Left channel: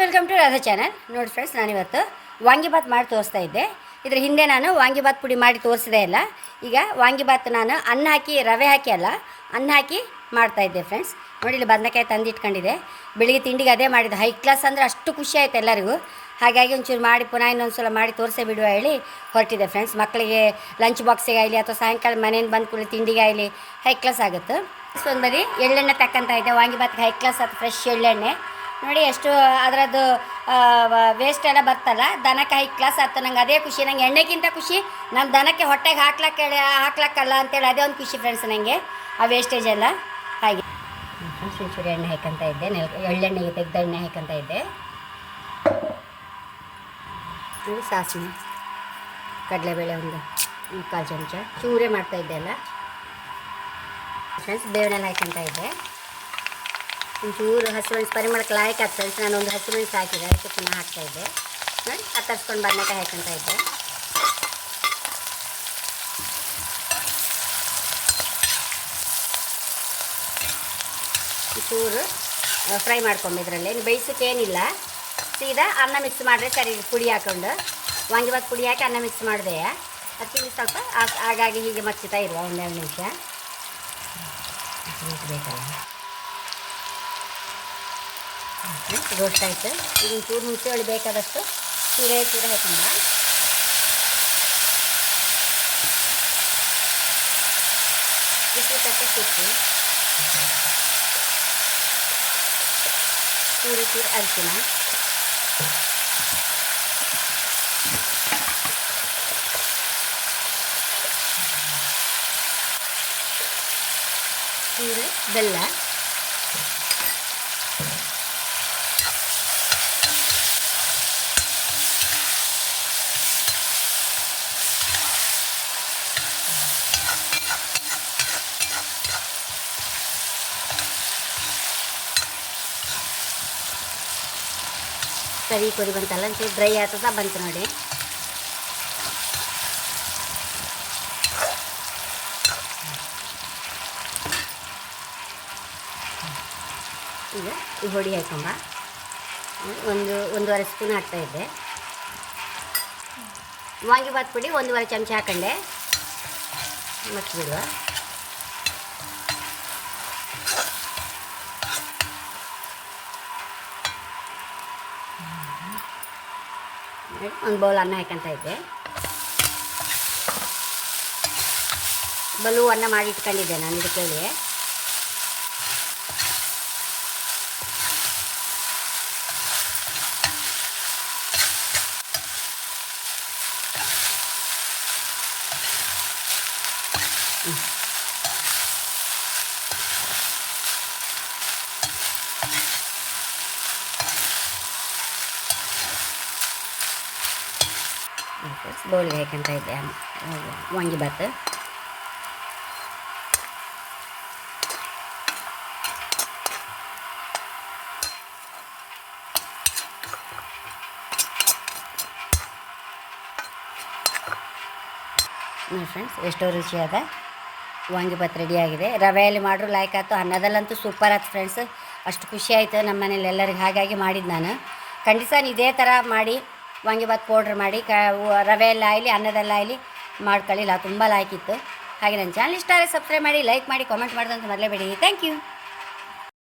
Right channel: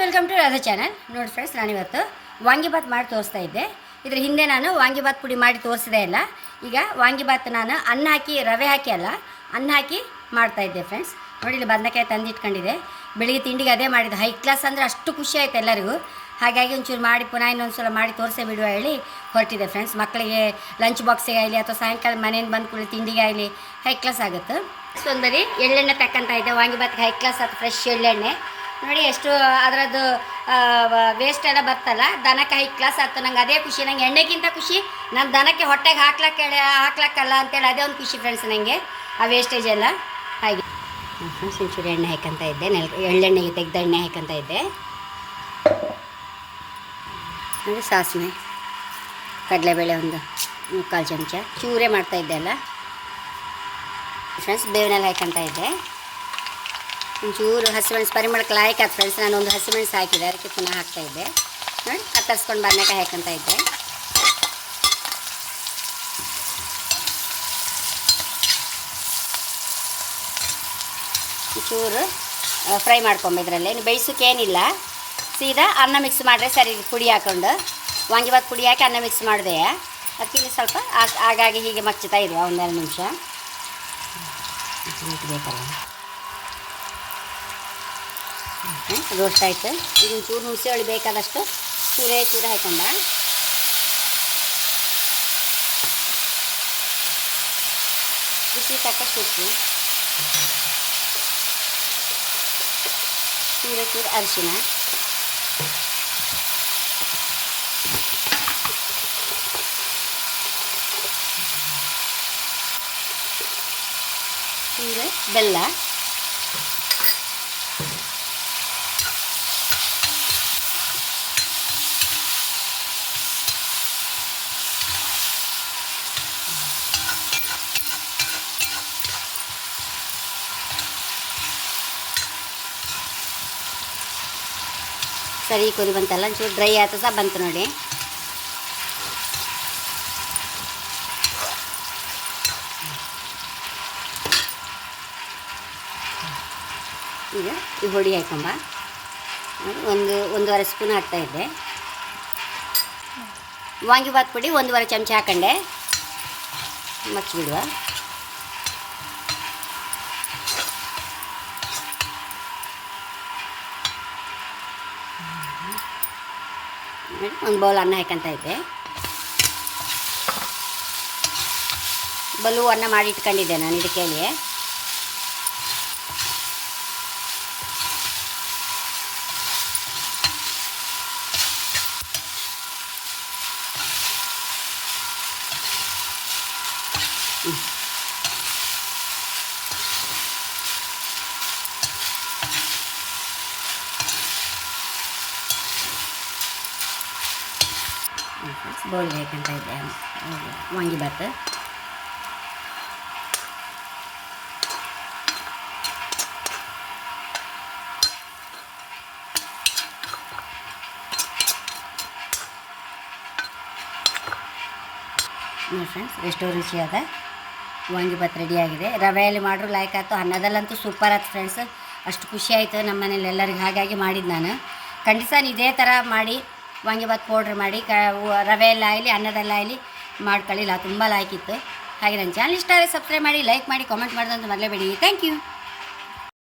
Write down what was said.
Welcome to Radha channel. ನೋಡಿ friends, ನಾನಿವತ್ತು ವಾಂಗಿಬಾತ್ ಮಾಡಿ ತೋರಿಸ್ತಾ ಇದ್ದೆ. ಇದ್ರ ಹಿಂದೆ ನಾನು ವಾಂಗಿಬಾತ್ ಪುಡಿ ಮಾಡಿ ತೋರಿಸಿದೆ ಅಲ್ಲ. ಈಗ ವಾಂಗಿಬಾತ್ ನಾನು ಅನ್ನ ಹಾಕಿ, ರವೆ ಹಾಕಿ ಅಲ್ಲ, ಅನ್ನ ಹಾಕಿ ಮಾಡ್ತಾಯಿದ್ದೆ ಫ್ರೆಂಡ್ಸ್. ನೋಡಿ, ಇಲ್ಲಿ ಬದನೆಕಾಯಿ ತಂದಿಟ್ಕೊಂಡಿದೆ. ಬೆಳಿಗ್ಗೆ ತಿಂಡಿಗೆ ಅದೇ ಮಾಡಿದ್ದು. ಹೈ ಕ್ಲಾಸ್ ಅಂದರೆ ಅಷ್ಟು ಖುಷಿ ಆಯಿತು ಎಲ್ಲರಿಗೂ. ಹಾಗಾಗಿ ಒಂಚೂರು ಮಾಡಿ ಪುನಃ ಇನ್ನೊಂದು ಸಲ ಮಾಡಿ ತೋರಿಸೇ ಬಿಡುವ ಹೇಳಿ ಹೊರಟಿದೆ ಫ್ರೆಂಡ್ಸ್. ಮಕ್ಕಳಿಗೆ ಲಂಚ್ ಬಾಕ್ಸಿಗೆ ಆಗಲಿ ಅಥವಾ ಸಾಯಂಕಾಲ ಮನೆಯಿಂದ ಬಂದು ಕೂಡಲೇ ತಿಂಡಿಗೆ ಆಗಲಿ ಹೈ ಕ್ಲಾಸ್ ಆಗುತ್ತೆ. ಒಂದು ಬದಿ ಎಳ್ಳೆಣ್ಣೆ ತಕ್ಕಂತ ಇದೆ. ವಾಂಗಿಬಾತ್ಗೆ ಹೈ ಕ್ಲಾಸ್ ಅದು ಫ್ರೆಶ್ ಎಳ್ಳೆಣ್ಣೆ. ನೋಡಿ ಎಷ್ಟು ಅದರದ್ದು ವೇಸ್ಟ್ ಎಲ್ಲ ಬರ್ತಲ್ಲ, ದನಕ್ಕೆ ಹೈ ಕ್ಲಾಸ್ ಆಯ್ತು. ನಂಗೆ ಅದೇ ಖುಷಿ. ನಂಗೆ ಎಣ್ಣೆಗಿಂತ ಖುಷಿ ನನ್ನ ದನಕ್ಕೆ ಹೊಟ್ಟೆಗೆ ಹಾಕ್ಲಕ್ಕಲ್ಲ ಅಂತೇಳಿ ಅದೇ ಒಂದು ಖುಷಿ ಫ್ರೆಂಡ್ಸ್ ನನಗೆ, ಆ ವೇಸ್ಟೇಜ್ ಎಲ್ಲ. ಹಾಗೆ ಫ್ರೆಂಡ್ಸ್, ಒಂಚೂರು ಎಣ್ಣೆ ಹಾಕಂತ ಇದ್ದೆ. ಎಳ್ಳೆಣ್ಣೆಗೆ ತೆಗೆದ ಎಣ್ಣೆ ಹಾಕಂತ ಇದ್ದೆ. ನೋಡಿ, ಸಾಸಿವೆ, ಕಡಲೆಬೇಳೆ ಒಂದು 3/4 ಚಮಚ, ಚೂರೇ ಮಾಡ್ತಾಯಿದ್ದೆ ಅಲ್ಲ ಫ್ರೆಂಡ್ಸ್. ಬೇವಿನೆಲ್ಲ ಹಾಕಂತ ಇದ್ದೆ. ಒಂಚೂರು ಹಸಿಮೆಣಸು ಪರಿಮಳಕ್ಕೆ ಲಾಯ್ಕ್ ಆಯ್ತು ಫ್ರೆಂಡ್ಸ್. ನಾನು ಒಂದು ಹಸಿಮೆಣಸು ಹಾಕಿದೆ, ಅದಕ್ಕೆ ಪುನಃ ಹಾಕ್ತಾಯಿದ್ದೆ. ನೋಡಿ, ಕತ್ತರಿಸ್ಕೊಂಡು ಬದನೆಕಾಯಿ ಹಾಕಂತ ಇದ್ದೆ. ಒಂಚೂರು ಫ್ರೈ ಮಾಡ್ಕೊಂಬಿದ್ರಲ್ಲೇ. ನೀವು ಬೇಯಿಸೋಕ್ಕೇನಿಲ್ಲ, ಸೀದಾ ಅನ್ನ ಮಿಕ್ಸ್ ಮಾಡಿದ್ರೆ ಸರಿ. ಪುಡಿ ಹಾಕ್ಕೊಂಡು ವಾಂಗಿಬಾತ್ ಪುಡಿ ಹಾಕಿ ಅನ್ನ ಮಿಕ್ಸ್ ಮಾಡಿದೆ. ಅದಕ್ಕೆ ಸ್ವಲ್ಪ ಹಾಗಾಗಿ ಹೀಗೆ ಮಚ್ಚುತ್ತಾ ಇರುವ 1-2 ನಿಮಿಷ ಬೇಕಲ್ಲ. ರೋಸ್ಟ್ ಆಯಿತು. ಈಗ ಚೂರು ಹುಣಸೆ ಹುಳಿ ಬೇಕಾದಷ್ಟು ಚೂರು ಹಾಕೊಂಡ. ಬಿಸಿ ತಕ್ಕ ಸುತ್ತು, ಚೂರು ಅರಿಶಿನ, ಚೂರು ಬೆಲ್ಲ, ಸರಿ ಕುದಿ ಬಂತಲ್ಲ. ಒಂಚೂರು ಡ್ರೈ ಆಯ್ತು ಸಹ ಬಂತು ನೋಡಿ. ಈಗ ಈ ಹೊಡಿ ಹಾಕೊಂಡ 1-1.5 ಸ್ಪೂನ್ ಹಾಕ್ತಾಯಿದ್ದೆ. ವಾಂಗಿಬಾತ್ ಪುಡಿ 1.5 ಚಮಚ ಹಾಕೊಂಡೆ. ಮಗ್ಚಿಬಿಡುವ. ಒಂದು ಬೌಲ್ ಅನ್ನ ಹಾಕಂತ ಇದ್ದೆ. ಬಲು ಅನ್ನ ಮಾಡಿ ಇಟ್ಕೊಂಡಿದ್ದೆ ನಾನು ಇದಕ್ಕೆ. ಬೌಲ್ಗೆ ಹಾಕಂತ ಇದ್ದೆ ವಾಂಗಿಬಾತ್. ನೋಡಿ ಫ್ರೆಂಡ್ಸ್, ಎಷ್ಟೋ ರುಚಿಯಾದ ವಾಂಗಿಬಾತ್ ರೆಡಿಯಾಗಿದೆ. ರವೆಯಲ್ಲಿ ಮಾಡ್ರೂ ಲಾಯ್ಕ್ ಆಯ್ತು, ಅನ್ನದಲ್ಲಂತೂ ಸೂಪರ್ ಆಯ್ತು ಫ್ರೆಂಡ್ಸ್. ಅಷ್ಟು ಖುಷಿ ಆಯಿತು ನಮ್ಮ ಮನೇಲಿ ಎಲ್ಲರಿಗೆ. ಹಾಗಾಗಿ ಮಾಡಿದ್ದು ನಾನು. ಖಂಡಿತ ಇದೇ ಥರ ಮಾಡಿ ವಾಂಗಿಬಾತ್ ಪೌಡ್ರ್ ಮಾಡಿ ರವೆಯಲ್ಲ ಆಗಲಿ ಅನ್ನದಲ್ಲ ಆಗಲಿ ಮಾಡ್ಕೊಳ್ಳಿಲ್ಲ, ತುಂಬ ಲಾಯ್ಕಿತ್ತು. ಹಾಗೆ ನನ್ನ ಚಾನಲ್ ಇಷ್ಟ ಆದರೆ ಸಬ್ಸ್ಕ್ರೈಬ್ ಮಾಡಿ, ಲೈಕ್ ಮಾಡಿ, ಕಾಮೆಂಟ್ ಮಾಡೋದಂತ ಮರಲೇಬೇಡಿ. Thank you.